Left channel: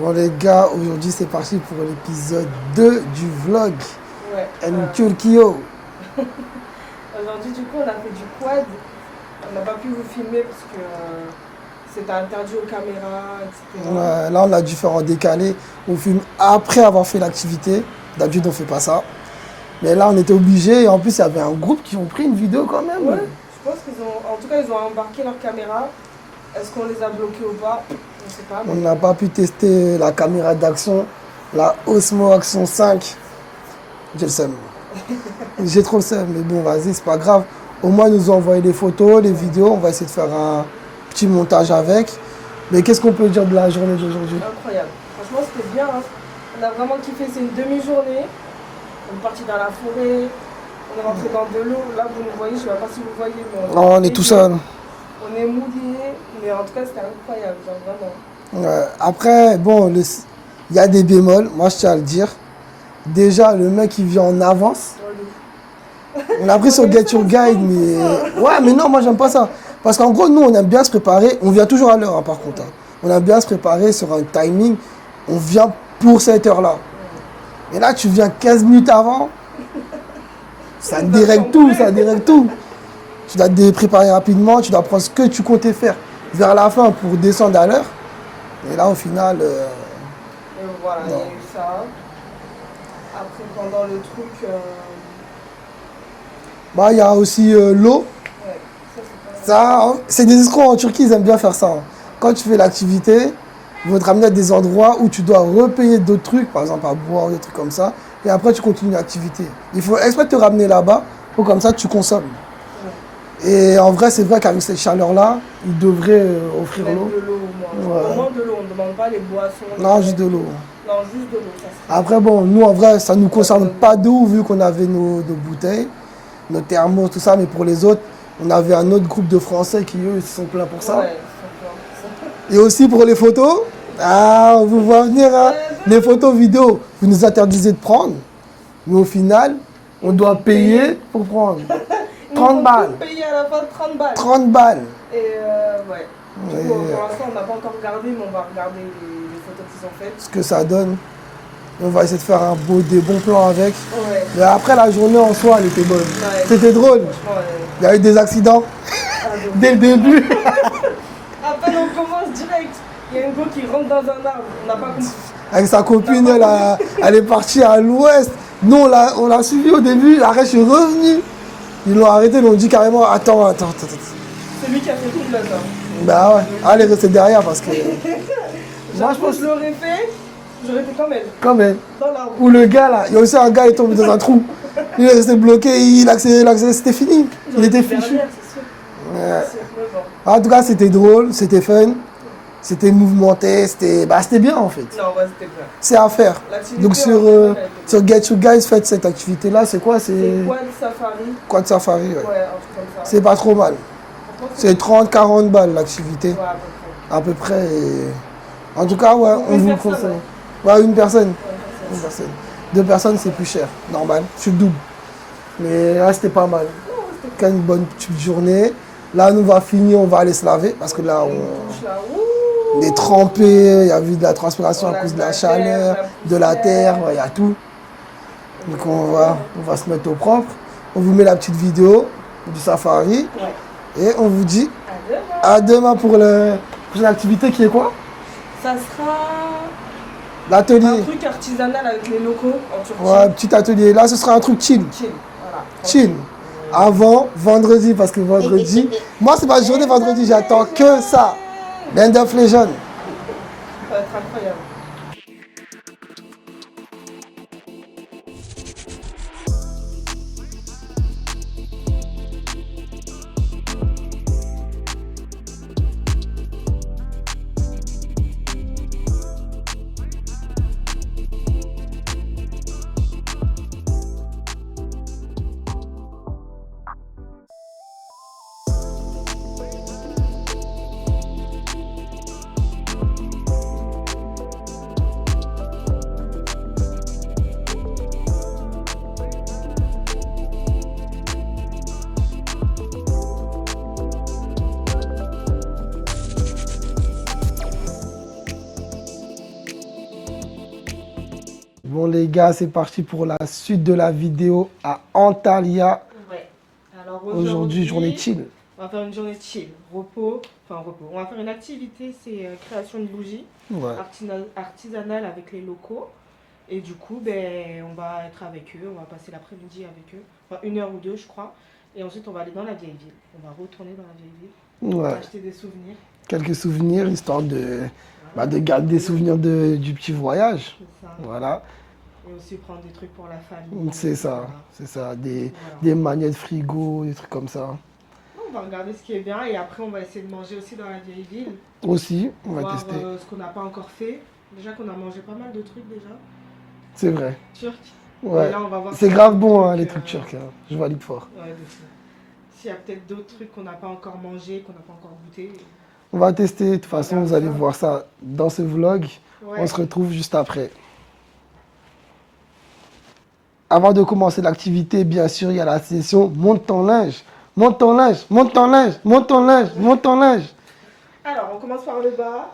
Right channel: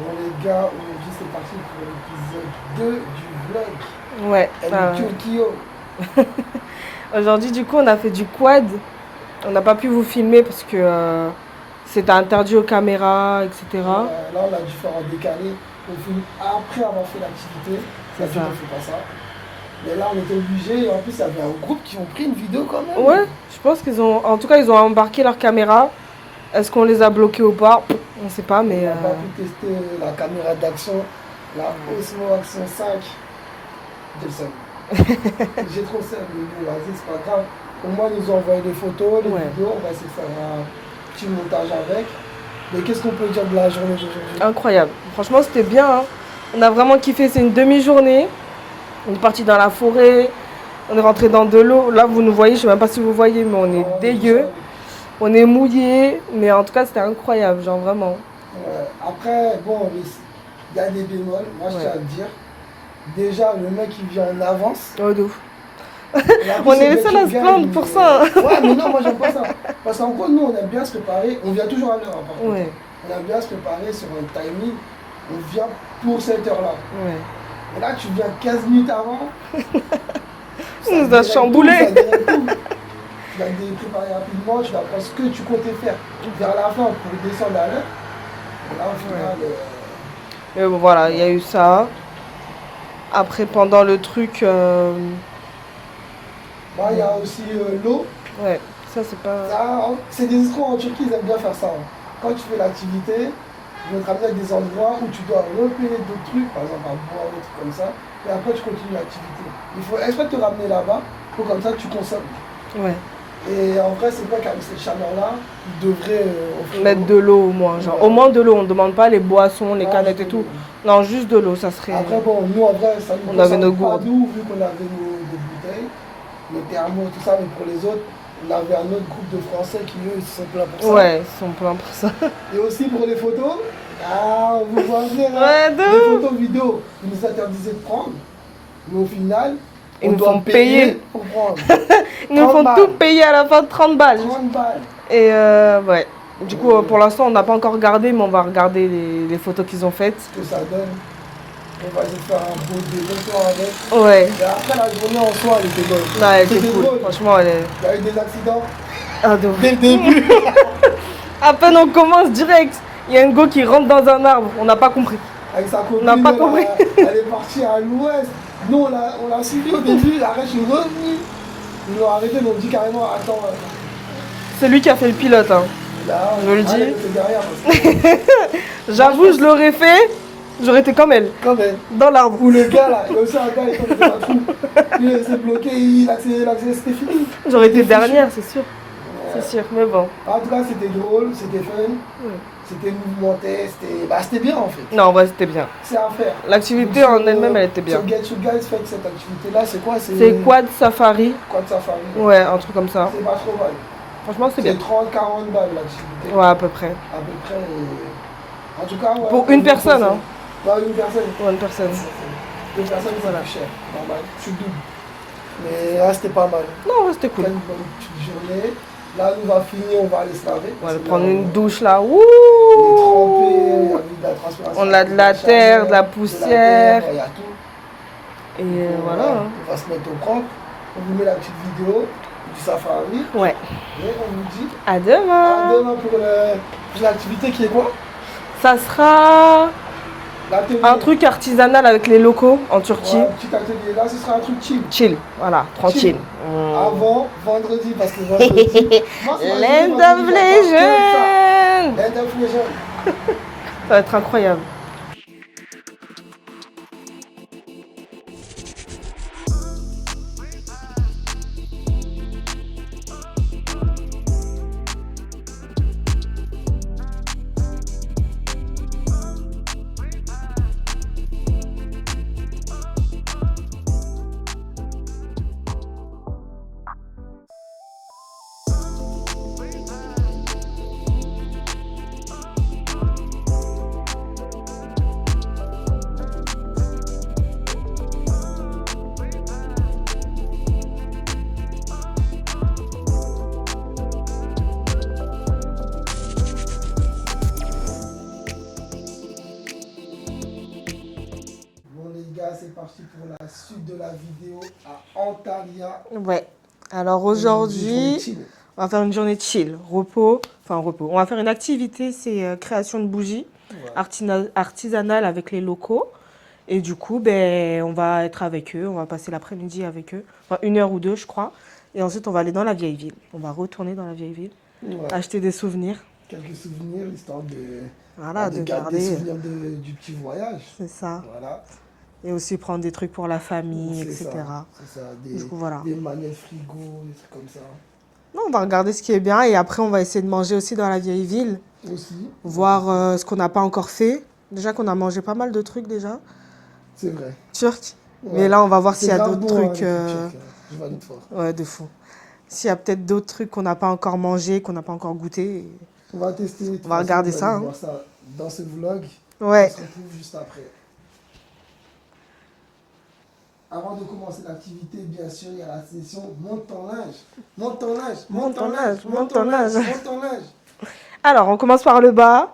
Bon les gars, aujourd'hui c'est parti pour l'épisode 2 du vlog. Ouais. El Turquio. Aujourd'hui, du coup, on a fait du quad. On n'a pas pu vous filmer parce que c'était interdit aux caméras, etc. Là on a dû faire en décalé. On filme après avoir fait l'activité. D'habitude ça. on fait pas ça. Mais là on était obligé et en plus il y avait un groupe qui ont pris une vidéo quand même. Ouais, je pense qu'ils ont. En tout cas, ils ont embarqué leur caméra. Est-ce qu'on les a bloqués ou pas? On ne sait pas, mais. On n'a pas pu tester la caméra d'action, la Osmo Action 5. J'ai le seum. J'ai trop le seum, mais bon vas-y, c'est pas grave. Au moins ils nous ont envoyé les photos, les vidéos, on va essayer de faire un petit montage avec. Mais qu'est-ce qu'on peut dire de la journée d'aujourd'hui? Incroyable. Franchement, c'était bien. Hein. On a vraiment kiffé. C'est une demi-journée. On est parti dans la forêt. On est rentré dans de l'eau. Là, vous nous voyez. Je ne sais même pas si vous voyez, mais on est tout seul. On est mouillé. Mais en tout cas, c'était incroyable. Genre vraiment. Après, bon, il y a des bémols. Moi, je tiens à le dire. Déjà, le mec, il vient en avance. Oh, de ouf. On a pris son Get Your Guide, mais... Ouais, mais non, moi, j'aime pas ça. Parce qu'en gros, nous, on aime bien se préparer. On vient toujours à l'heure, hein, par contre. On aime bien se préparer sur un timing. On vient pour cette heure-là. Ouais. Et là, tu viens 15 minutes avant. Ça dérègle tout, ça dérègle tout. Tu dois te préparer rapidement, tu dois prendre ce que tu comptais faire vers la fin pour descendre à l'heure. Et là, au final... Et voilà, il y a eu ça. Après, pendant le truc... Bah, il y a aussi l'eau. Ouais, ça, c'est pas... Ça, c'est des escrocs en Turquie, ils aiment bien faire ça. Hein. Quand tu fais l'activité, ils vont te ramener à des endroits où tu dois repayer d'autres trucs, par exemple à boire, des trucs comme ça. Et après, tu continues l'activité. Il faut exprès te ramener là-bas pour comme ça, tu consommes. Ouais. Et en vrai, c'est vrai qu'avec cette chaleur-là, ils devraient offrir mettre de l'eau au moins. Genre, au moins de l'eau, on ne demande pas les boissons, les canettes et tout. Non, juste de l'eau, ça serait... Après, bon, nous, en vrai, ça ne nous concerne pas d'eau, vu qu'on avait nos bouteilles, nos thermos, tout ça. Mais pour les autres, on avait un autre groupe de Français qui, eux, ils sont pleins pour ça. Ouais, ils sont pleins pour ça. Et aussi pour les photos, on vous voit venir, hein, les photos vidéo, vous nous interdisez de prendre. Mais au final, on doit payer pour prendre. Ils nous font tout payer à la fin de 30 balles. 30 balles. Et ouais. Du coup, pour l'instant, on n'a pas encore regardé, mais on va regarder les photos qu'ils ont faites. Ce que ça donne. On va essayer de faire des bons plans avec. Ouais. Et après, la journée en soi, elle était bonne. C'était drôle. Franchement, il y a eu des accidents. Dès le début. début. À peine on commence direct, il y a un go qui rentre dans un arbre. On n'a pas compris. Avec sa copine, elle est partie à l'ouest. Nous, on l'a suivi au début. Après, je suis revenu. Ils l'ont arrêté, ils l'ont dit carrément attends. C'est lui qui a fait le pilote. Hein. Bah ouais, elle est restée derrière parce que... J'avoue, je l'aurais fait, j'aurais été comme elle. Comme elle. Dans l'arbre. Ou le gars là, il y a aussi un gars, il est tombé dans un trou. Il est resté bloqué, il a accéléré, c'était fini. J'aurais été dernière, c'est sûr. Ouais. C'est sûr, mais bon. En tout cas, c'était drôle, c'était fun. C'était mouvementé, c'était bien en fait. Non, en vrai, c'était bien. C'est à faire. L'activité en elle-même, elle était bien. Sur Get You Guys, faites cette activité-là, c'est quoi? C'est Quad Safari. Quad Safari, ouais, un truc comme ça. C'est pas trop mal. Franchement, c'est 30-40 balles l'activité. Ouais, à peu près. À peu près. Et... En tout cas, ouais. Pour une personne, hein. Ouais, une personne. Ouais, une personne. Deux personnes, c'est plus cher. Normal. Je suis double. Mais là, c'était pas mal. Non, c'était cool. Une bonne petite journée. Là, nous, on va finir, on va aller se laver. Parce que là, une douche là. Ouh, on est trempé, il y a eu de la transpiration. On a de la terre, de la poussière. De la terre, il y a tout. Et donc, on va se mettre au propre. On vous met la petite vidéo du safari. Ouais. Et on vous dit à demain. À demain pour l'activité qui est quoi? Ça sera l'atelier. Un truc artisanal avec les locaux en Turquie. Ouais, un petit atelier. Là, ce sera un truc chill. Chill, voilà, tranquille. Avant vendredi, parce que vendredi, moi c'est ma journée vendredi, j'attends que ça. Land of Legends. Ça va être incroyable. Bon les gars, c'est parti pour la suite de la vidéo à Antalya. Ouais. Alors Aujourd'hui, journée aujourd'hui, chill. on va faire une journée chill, repos. Enfin, repos. On va faire une activité, c'est création de bougies Ouais. artisanales avec les locaux. Et du coup, ben, on va être avec eux, on va passer l'après-midi avec eux. Enfin, 1 heure ou 2, je crois. Et ensuite, on va aller dans la vieille ville. On va retourner dans la vieille ville, Ouais. acheter des souvenirs. Quelques souvenirs, histoire de, Voilà, de garder des souvenirs du petit voyage. C'est ça. Voilà, Et aussi prendre des trucs pour la famille, c'est etc. ça. C'est ça. Du coup, voilà. Des manettes frigo, des trucs comme ça. Non, on va regarder ce qui est bien et après, on va essayer de manger aussi dans la vieille ville. Aussi. on va Voir tester. ce qu'on n'a pas encore fait. Déjà qu'on a mangé pas mal de trucs déjà. C'est vrai. Turcs. Ouais. Mais là, on va voir C'est s'il y a grave d'autres bon, hein, trucs. les trucs turcs. Hein. Je valide fort. Ouais, de fou. S'il y a peut-être d'autres trucs qu'on n'a pas encore mangé, qu'on n'a pas encore goûté. On va tester. De toute On va façon, regarder vous allez ça, hein. voir ça dans ce vlog. Ouais. On se retrouve juste après. Avant de commencer l'activité, bien sûr, il y a la session monte ton linge. Monte ton linge, monte ton linge, monte ton linge, monte ton linge. Alors, on commence par le bas.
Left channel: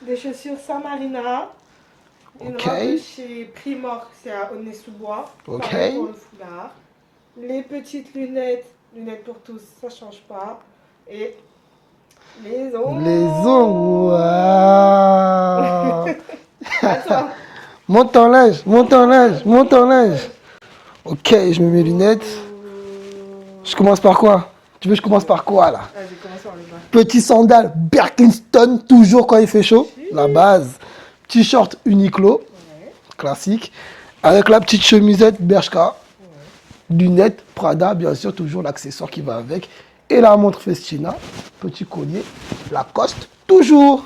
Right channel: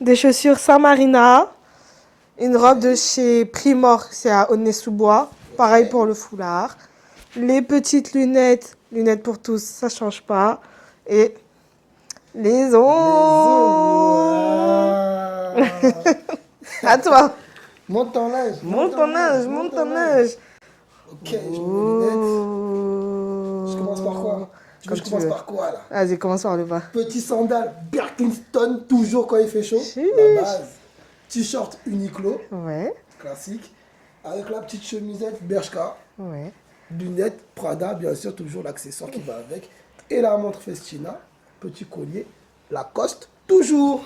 Des chaussures Saint Marina. Une Ok. robe de chez Primor, c'est à Aulnay-sous-Bois. Ok. Pareil pour le foulard. Les petites lunettes, lunettes pour tous, ça change pas. Et les ongles. Les ongles. Waouh. À toi. Monte ton linge, monte ton linge, monte ton linge. Ok, je mets mes lunettes. Je commence par quoi? Tu veux que je commence par quoi là? Vas-y, commence par le bas. Petit sandal Birkenstock, toujours quand il fait chaud. La base. T-shirt Uniqlo, Ouais, classique. Avec la petite chemisette Bershka. ouais. Lunettes Prada, bien sûr, toujours l'accessoire qui va avec. Et la montre Festina. Petit collier. Lacoste, toujours.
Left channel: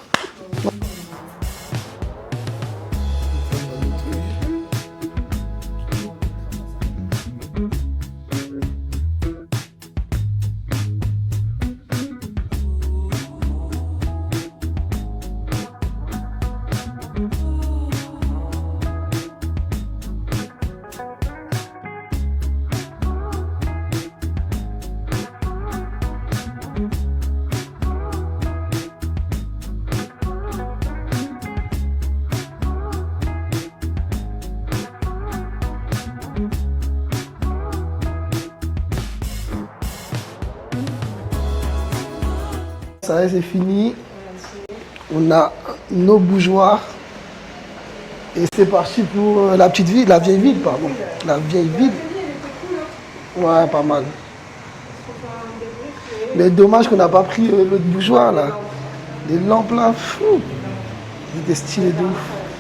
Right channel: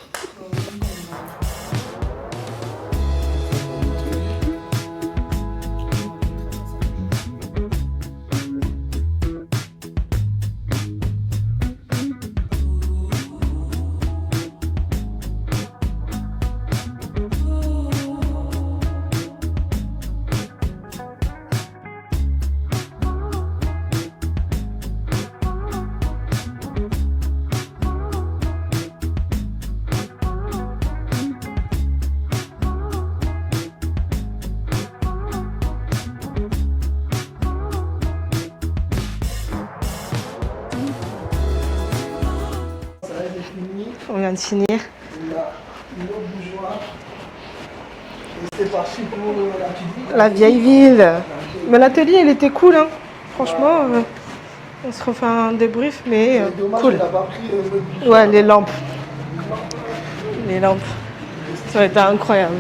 Ça y est, c'est fini. On vient de finir. On a nos bougeoirs. Et c'est parti pour la petite ville, La vieille ville. pardon. La vieille Mais ville. l'atelier, il était cool, hein. Ouais, Franchement, pas mal. on se refait un débrief, mais. Mais dommage cool. qu'on n'a pas pris les bougeoirs. Ouais, les là. lampes. Les lampes là, Les lampes. c'était Ça stylé. a été incroyable.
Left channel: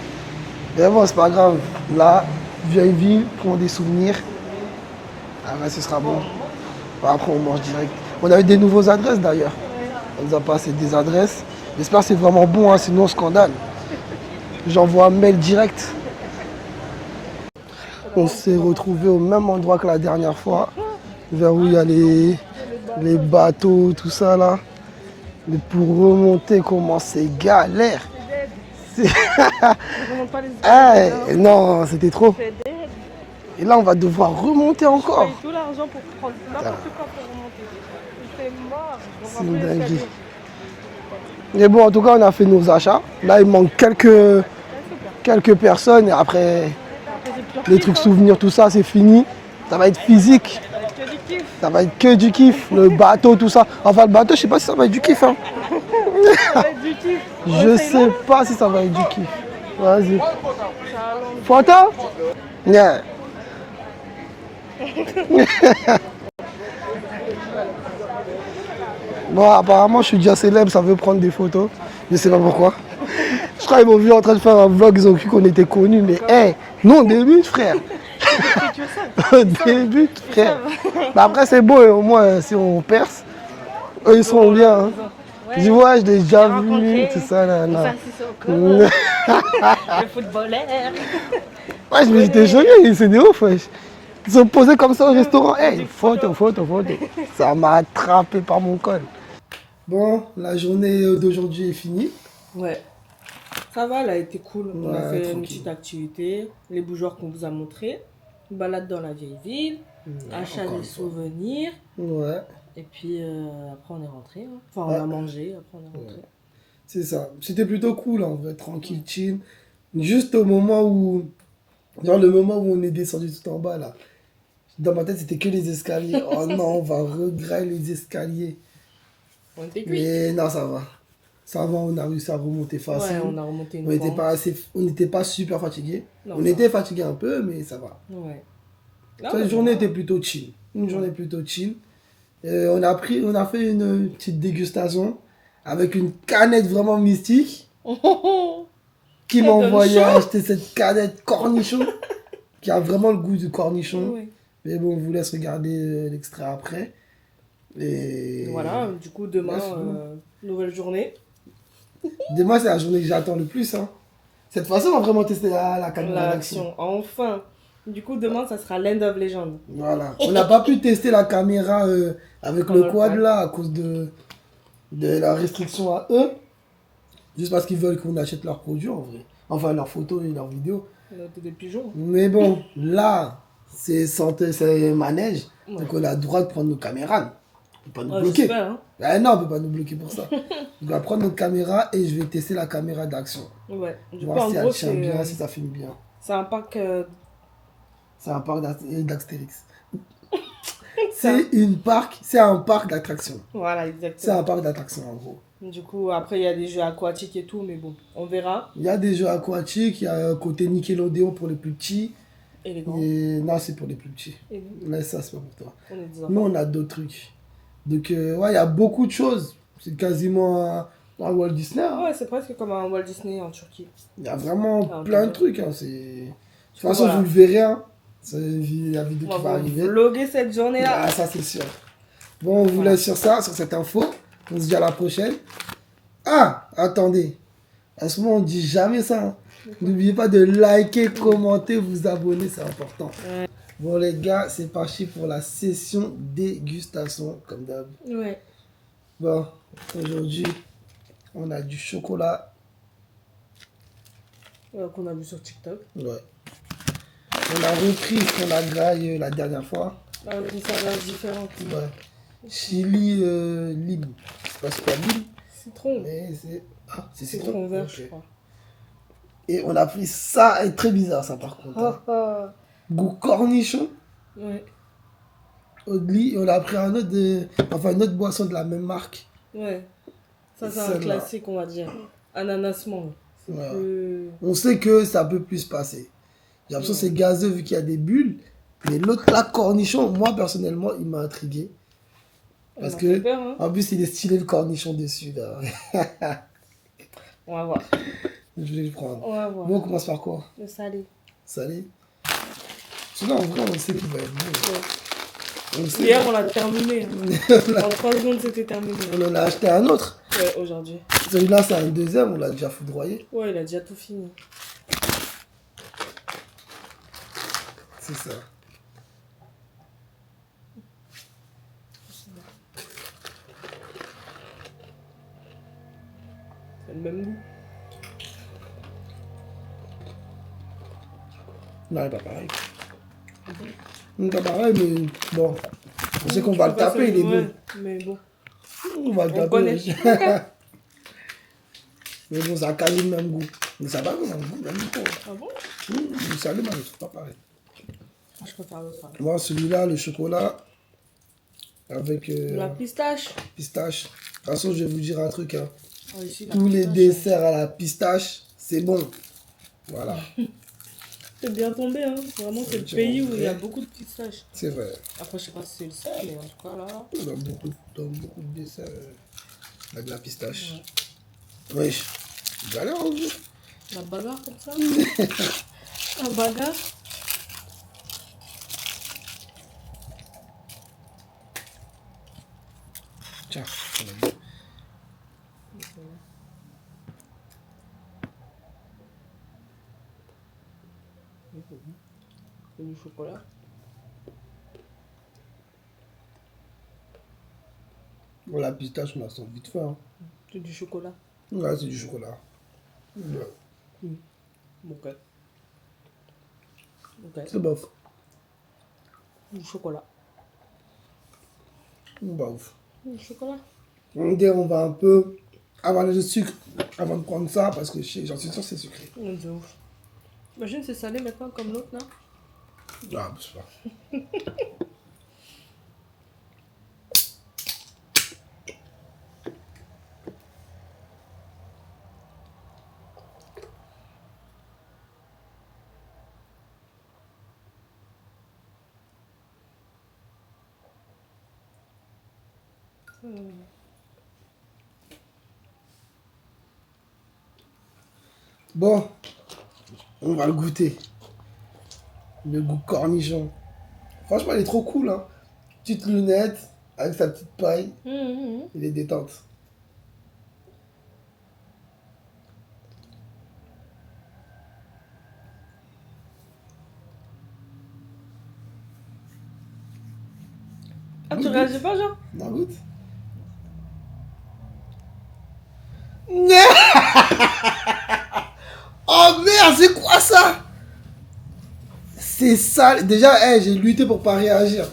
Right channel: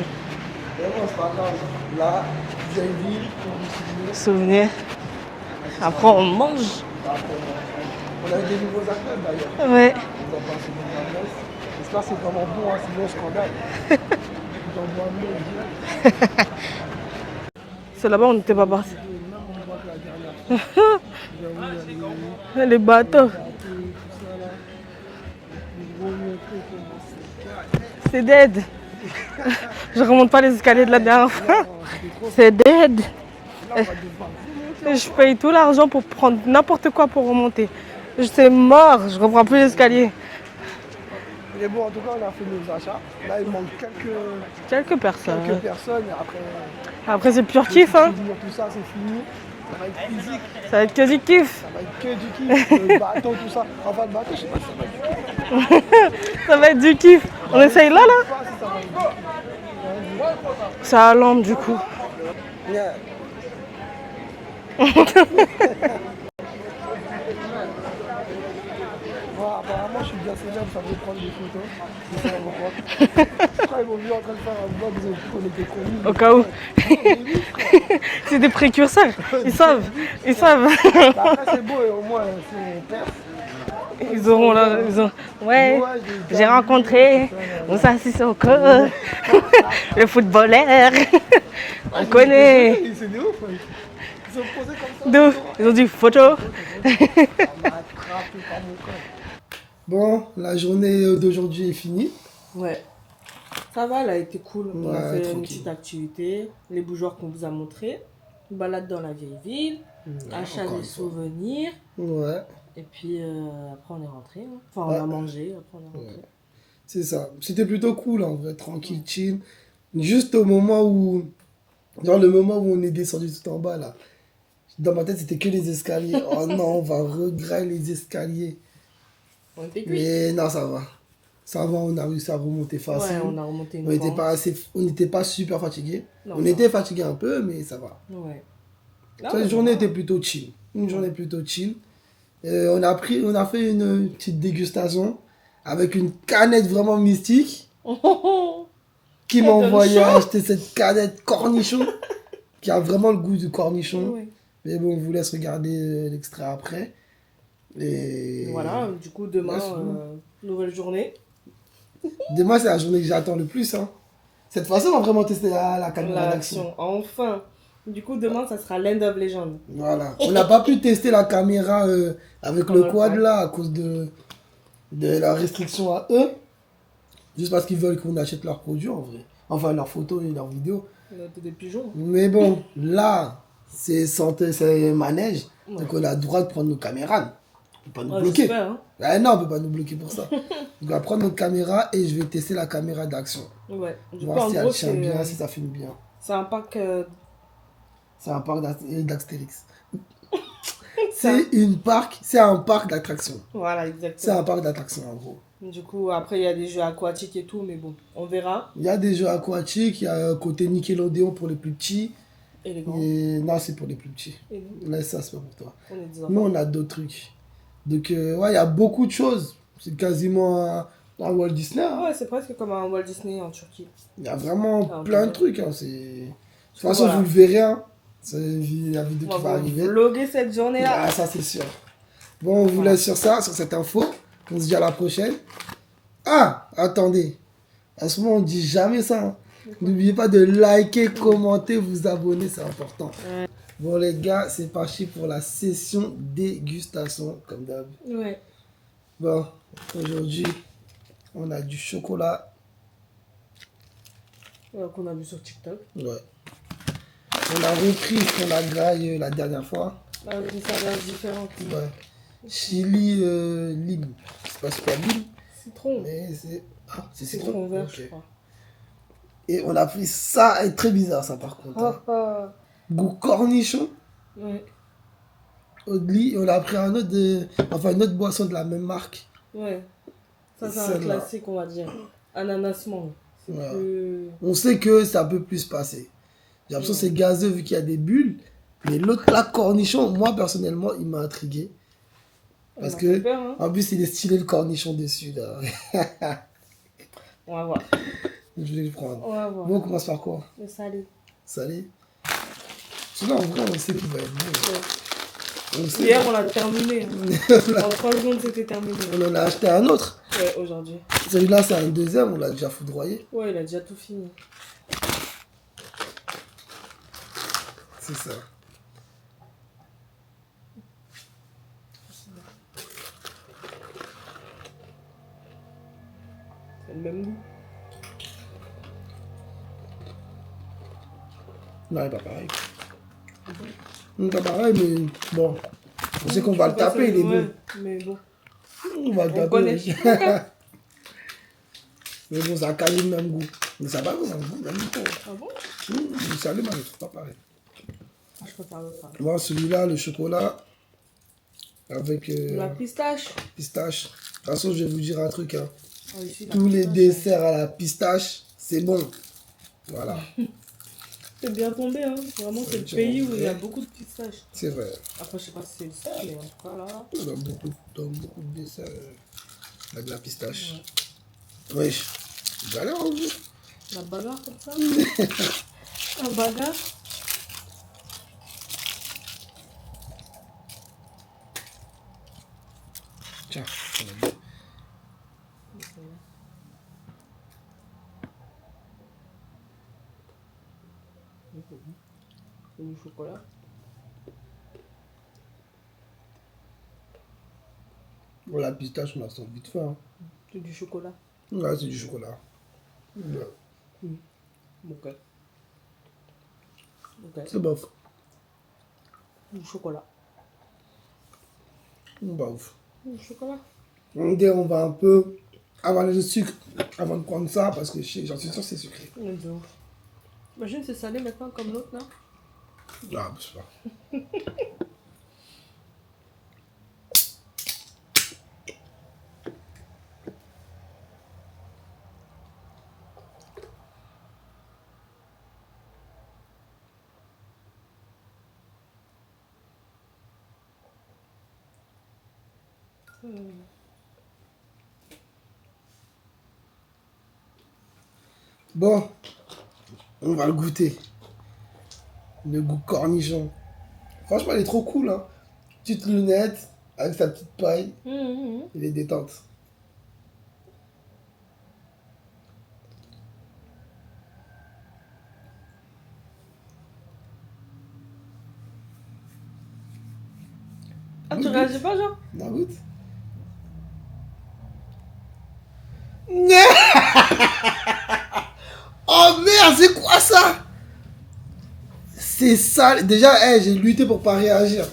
Mais bon, c'est pas grave. Là, vieille ville, prends des souvenirs. Souvenir. Ah, là, ce sera Après, bon. on mange. Après, on mange direct. On a eu des nouveaux adresses d'ailleurs. Ouais. On nous a passé des adresses. J'espère que c'est vraiment bon, hein, sinon scandale. J'envoie un mail direct. C'est là-bas, On on s'est n'était pas parti. retrouvés au même endroit que la dernière fois. Vers où il y a Les les bateaux. bateaux, tout ça là. Mais pour remonter, comment c'est galère. C'est dead. Je remonte pas les escaliers de la dernière fois. Non, c'était trop. C'est dead. Et là, on va devoir remonter Je encore. paye tout l'argent pour prendre n'importe quoi pour remonter. C'est mort, je reprends C'est plus l'escalier. Mais bon, en tout cas, on a fait nos achats. Là, il manque quelques Quelques personnes. personnes. Et après, Après, c'est pur les kiff. trucs Hein. souvenirs, tout ça, c'est fini. Ça va être physique. Ça va être que du kiff. Ça va être que du kiff. Le bateau, tout ça. Enfin, le bateau, je sais pas si ça va être du kiff. Hein. Ça va être du kiff. On Je essaye sais là, là. pas si ça va être du kiff. Vas-y. C'est à lampe. Photo? Yeah. Bon, apparemment, je suis déjà célèbre, ça veut prendre des photos. Je sais pas pourquoi. Je crois qu'ils m'ont vu en train de faire un vlog, ils ont cru qu'on était connus. Mais cas où. hey, nous, on débute, frère. C'est des précurseurs. On Ils savent. débute, Ils frère. savent. Mais après, c'est beau, au moins, si on perce, eux, ils sont bien. Hein. Ils ont- Ils Ouais. disent, ouais, je l'ai déjà J'ai vu, rencontré tout ça, là, on là. s'assiste encore. Le footballeur. Ouais, je me suis connaît. désolé, c'est des ouf, wesh. Ils sont posés comme ça au De ouf. restaurant. Ils ont dit photo. Photo. Ça m'a attrapé par mon col. Bon, la journée d'aujourd'hui est finie. Ouais. Ça va, elle a été cool. On a Ouais, fait une tranquille. petite activité, les bougeoirs qu'on vous a montrés, une balade dans la vieille ville, achat encore des une fois. souvenirs, Ouais, et puis après on est rentré. Hein. Enfin, Ouais. on a mangé, après on est rentré. c'est ça. C'était plutôt cool, en vrai, tranquille, chill. Juste au moment où Genre le moment où on est descendu tout en bas, là. Dans ma tête, c'était que les escaliers. Oh non, on va regretter les escaliers. On était cuits. Mais non, ça va. Ça va, on a réussi à remonter facile. Ouais, on a remonté une On n'était pente. pas on n'était pas super fatigué. Non, On ça était fatigué un peu, mais ça va. Ouais. Là, Cette on journée va. était plutôt chill. Une journée plutôt chill. On a fait une petite dégustation avec une canette vraiment mystique qui Elle m'a donne envoyé chaud. acheter cette canette cornichon qui a vraiment le goût du cornichon. Ouais. Mais bon, on vous laisse regarder l'extrait après. Et Voilà, du coup, demain, Ouais, c'est bon. nouvelle journée. Demain, c'est la journée que j'attends le plus. Hein. Cette fois-ci, on va vraiment tester la caméra d'action. L'action, enfin. Du coup, demain, ça sera Land of Legend. Voilà. On n'a pas pu tester la caméra avec Pendant le le quad quad. là à cause de la restriction à eux. Juste parce qu'ils veulent qu'on achète leurs produits en vrai. Enfin, leurs photos et leurs vidéos. On a des pigeons. Mais bon, là, c'est santé, c'est manège. Ouais. Donc on a le droit de prendre nos caméras. On peut pas nous Ouais, bloquer. j'espère, hein. Ah non, on peut pas nous bloquer pour ça. On va prendre notre caméra et je vais tester la caméra d'action. Ouais. Du coup, Voir en si gros, elle tient bien, c'est si ça filme bien. un pack. C'est un parc d'Astérix. Ça. C'est un parc d'attractions. Voilà, C'est exactement. un parc d'attractions en gros. Du coup, après, il y a des jeux aquatiques et tout, mais bon, on verra. Il y a des jeux aquatiques, il y a un côté Nickelodeon pour les plus petits. Et les grands. Et non, c'est pour les plus petits. Et nous, Là, ça, c'est pas pour toi. on est des Nous, enfants. on a d'autres trucs. Donc, ouais, il y a beaucoup de choses. C'est quasiment un Walt Disney. Hein. Ouais, c'est presque comme un Walt Disney en Turquie. Il y a vraiment Ah, plein de ok. trucs. Hein. De toute façon, Voilà. vous le verrez. Hein. C'est la vidéo On qui va va arriver. vlogger cette journée-là. Ah, ça, c'est sûr. Bon, on vous Voilà. laisse sur ça, sur cette info. On se dit à la prochaine. Ah, attendez. À ce moment, on dit jamais ça. Hein. N'oubliez pas de liker, commenter, vous abonner, c'est important. Ouais. Bon, les gars, c'est parti pour la session dégustation, comme d'hab. Ouais. Bon, aujourd'hui, on a du chocolat. Qu'on a vu sur TikTok. Ouais. On a repris ce qu'on a graillé la dernière fois. Avec une saveur différente. Ouais. Chili lime. Je sais pas c'est quoi lime, Citron. mais c'est. Ah, c'est Citron vert, Ok. je crois. Et on a pris ça, et très bizarre ça par contre. Hein. Goût cornichon, Ouais. Oatly, et on a pris un autre une autre boisson de la même marque. Ouais. Ça, c'est un Celle-là. classique, on va dire. Ananas mangue. C'est Ouais. plus... On sait que ça peut plus se passer. J'ai l'impression que c'est gazeux vu qu'il y a des bulles. Mais l'autre là, cornichon, moi personnellement, il m'a intrigué. Parce On a que, fait peur, hein. en plus, il est stylé le cornichon dessus là. On va voir. Je vais le prendre. On va voir. Bon, on commence par quoi? Le salé. Salé. Sinon, en vrai, on sait qu'il va être bon. Ouais. On sait. Hier, on l'a terminé. En 3 secondes, c'était terminé. On en a acheté un autre. Ouais, aujourd'hui. Celui-là, c'est un deuxième, on l'a déjà foudroyé. Ouais, il a déjà tout fini. C'est ça. C'est le même goût. Non, il n'est pas pareil. Il n'est pas pareil, mais bon. On sait qu'on va le taper, il est bon. Ouais, mais bon. On va le On taper. connaît. Mais bon, ça a quasi le même goût. Mais ça va, même goût, même goût. Ah bon? Le salé, mais c'est pas pareil. Je préfère le salé. Moi, celui-là, le chocolat, avec La pistache. pistache. De toute façon, je vais vous dire un truc. Hein. Ah, ici, la Tous les pistache. desserts à la pistache, c'est bon. Voilà, C'est bien tombé, hein. Vraiment, c'est le tiens, pays où il y a ouais. beaucoup de pistaches. c'est vrai. Après, je sais pas si c'est le seul, mais en tout cas, là. Dans beaucoup de desserts avec de la pistache. Wesh, galère en vous. La bagarre comme ça. La bagarre. Tiens, on a vu. C'est du chocolat. Bon, la pistache, on la sent vite fait. Hein. C'est du chocolat. Là, c'est du chocolat. Ouais. Ok. Ok. C'est bof. Du chocolat. Bah ouf. Du chocolat. On va un peu avaler le sucre avant de prendre ça parce que j'en suis sûr que c'est sucré. De ouf. Imagine, c'est salé maintenant comme l'autre là. Ah, je sais pas. Bon, on va le goûter. Le goût cornichon. Franchement, il est trop cool, hein. Petite lunette, avec sa petite paille. Il est détente. Ah, tu réagis pas, genre? Non, goûte. Oh merde, c'est quoi ça? C'est sale. Déjà, j'ai lutté pour pas réagir.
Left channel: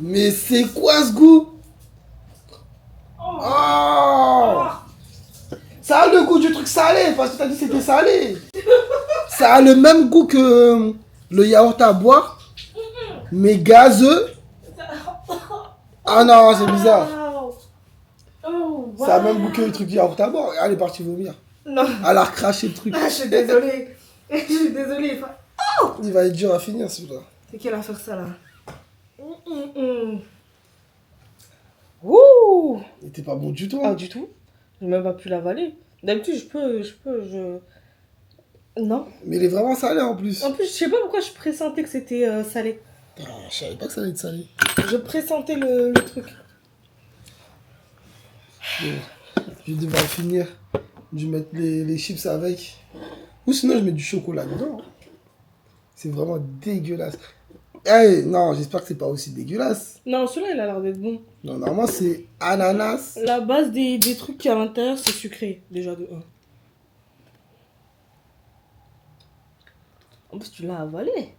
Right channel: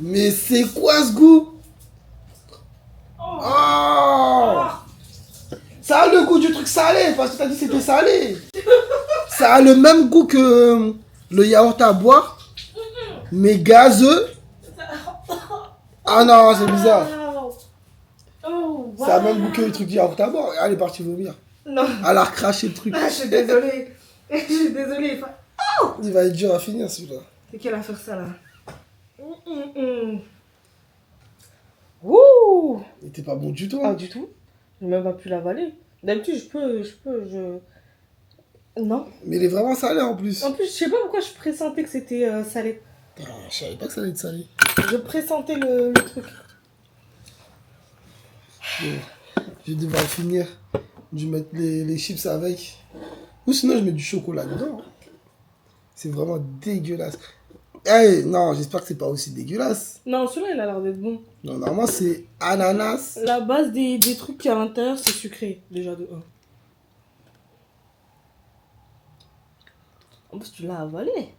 Mais c'est quoi ce goût? Oh! Ça a le goût du truc salé, parce que t'as dit que c'était salé. Ça a le même goût que le yaourt à boire, mais gazeux. Ah non, c'est bizarre. Oh, Ça a le même goût que le truc yaourt à boire. Elle est partie vomir. Non. Elle a recraché le truc. Ah, je suis désolée. Je suis désolée. Il va être dur à finir celui-là. C'est qui a faire ça là? Ouh! Il était pas bon du tout. Ah, Hein. du tout. J'ai même pas pu l'avaler. D'habitude, je... Non. Mais il est vraiment salé en plus. En plus, je sais pas pourquoi je pressentais que c'était salé. Ah, je savais pas que ça allait être salé. Je pressentais le truc. Bon, je vais devoir finir. Je vais mettre les chips avec. Ou sinon, je mets du chocolat dedans. C'est vraiment dégueulasse. Hey, non, j'espère que c'est pas aussi dégueulasse. Non, celui-là, il a l'air d'être bon. Non, normalement, c'est ananas. La base des trucs qui à l'intérieur, c'est sucré, déjà de 1. En plus, tu l'as avalé.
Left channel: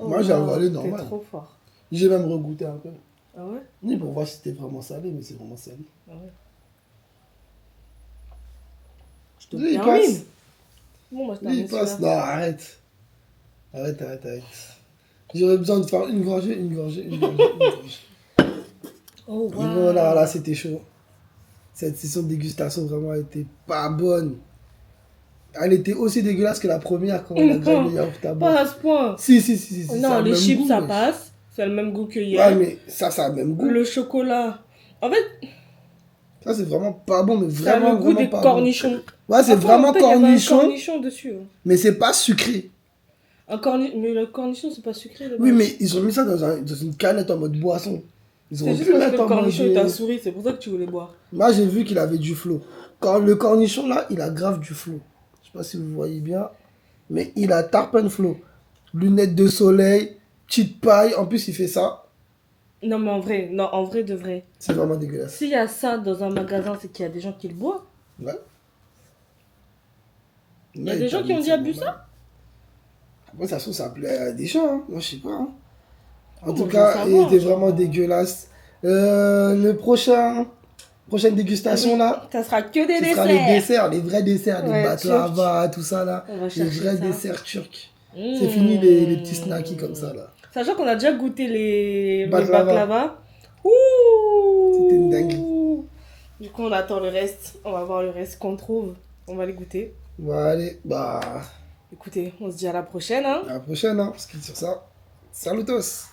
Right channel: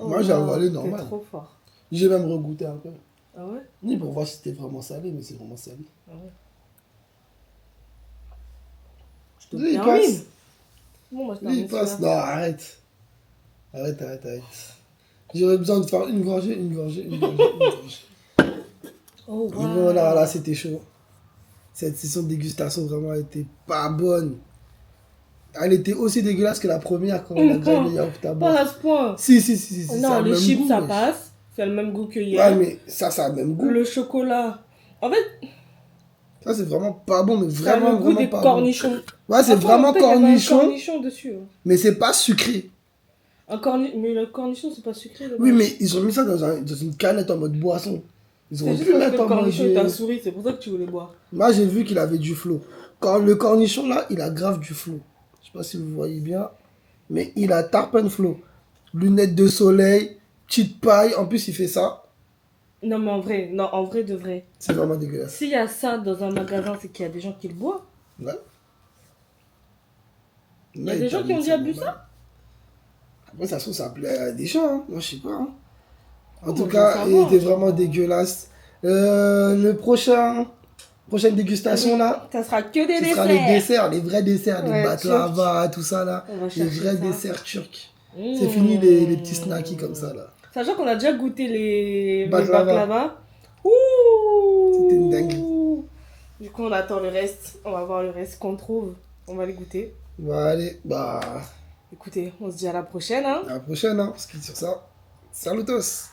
Moi, j'ai avalé t'es normal. trop fort. J'ai même regoûté un peu. Ah ouais? Oui, pour voir si c'était vraiment salé, mais c'est vraiment salé. Ah ouais. Je te Oui, il termine. passe. Bon, moi, je Oui, il passe. Non, arrête. Arrête. J'aurais besoin de faire une gorgée. Oh, Et voilà, là, c'était chaud. Cette session de dégustation, vraiment, elle était pas bonne. Elle était aussi dégueulasse que la première quand on a graillé le yaourt à Pas boire. à ce point. Si, Non, ça a le les même chips, goût, ça wesh. passe. C'est le même goût que hier. Ouais, mais ça a le même goût. Le chocolat. En fait, Ça, c'est vraiment pas bon, mais ça a vraiment, le goût vraiment des pas cornichons. bon. Ouais, c'est Après, vraiment en fait, il y avait un cornichon, cornichon dessus. Hein. mais c'est pas sucré. Mais le cornichon, c'est pas sucré. Oui, mais ils ont mis ça dans une canette en mode boisson. Ils c'est auraient juste pu parce que mettre le en mode... cornichon t'a souri, c'est pour ça que tu voulais boire. Moi, j'ai vu qu'il avait du flot. Quand le cornichon, là, il a grave du flot. Je sais pas si vous voyez bien, mais il a tarpin flow. Lunettes de soleil, petite paille. En plus, il fait ça. Non, mais en vrai de vrai. C'est vraiment dégueulasse. S'il y a ça dans un magasin, c'est qu'il y a des gens qui le boivent. Ouais. Il y a des gens qui ont déjà bu ça. Après, ça se trouve, ça plaît à des gens. Hein. Moi, je sais pas. Hein. En tout moi, cas, je il veux était savoir. vraiment dégueulasse. Prochaine dégustation, là, Ça sera que des ce desserts. sera les desserts, les vrais desserts, les Ouais, baklava, tout ça, là. On va Les chercher vrais ça. desserts turcs. C'est fini les petits snackies comme ça, là. Sachant qu'on a déjà goûté le Baklava. baklava. Ouh. C'était une dinguerie. Du coup, on attend le reste. On va voir le reste qu'on trouve. On va les goûter. Bon, allez, bah, Écoutez, on se dit à la prochaine. Hein. à la prochaine, hein. On se quitte sur ça. Salutos!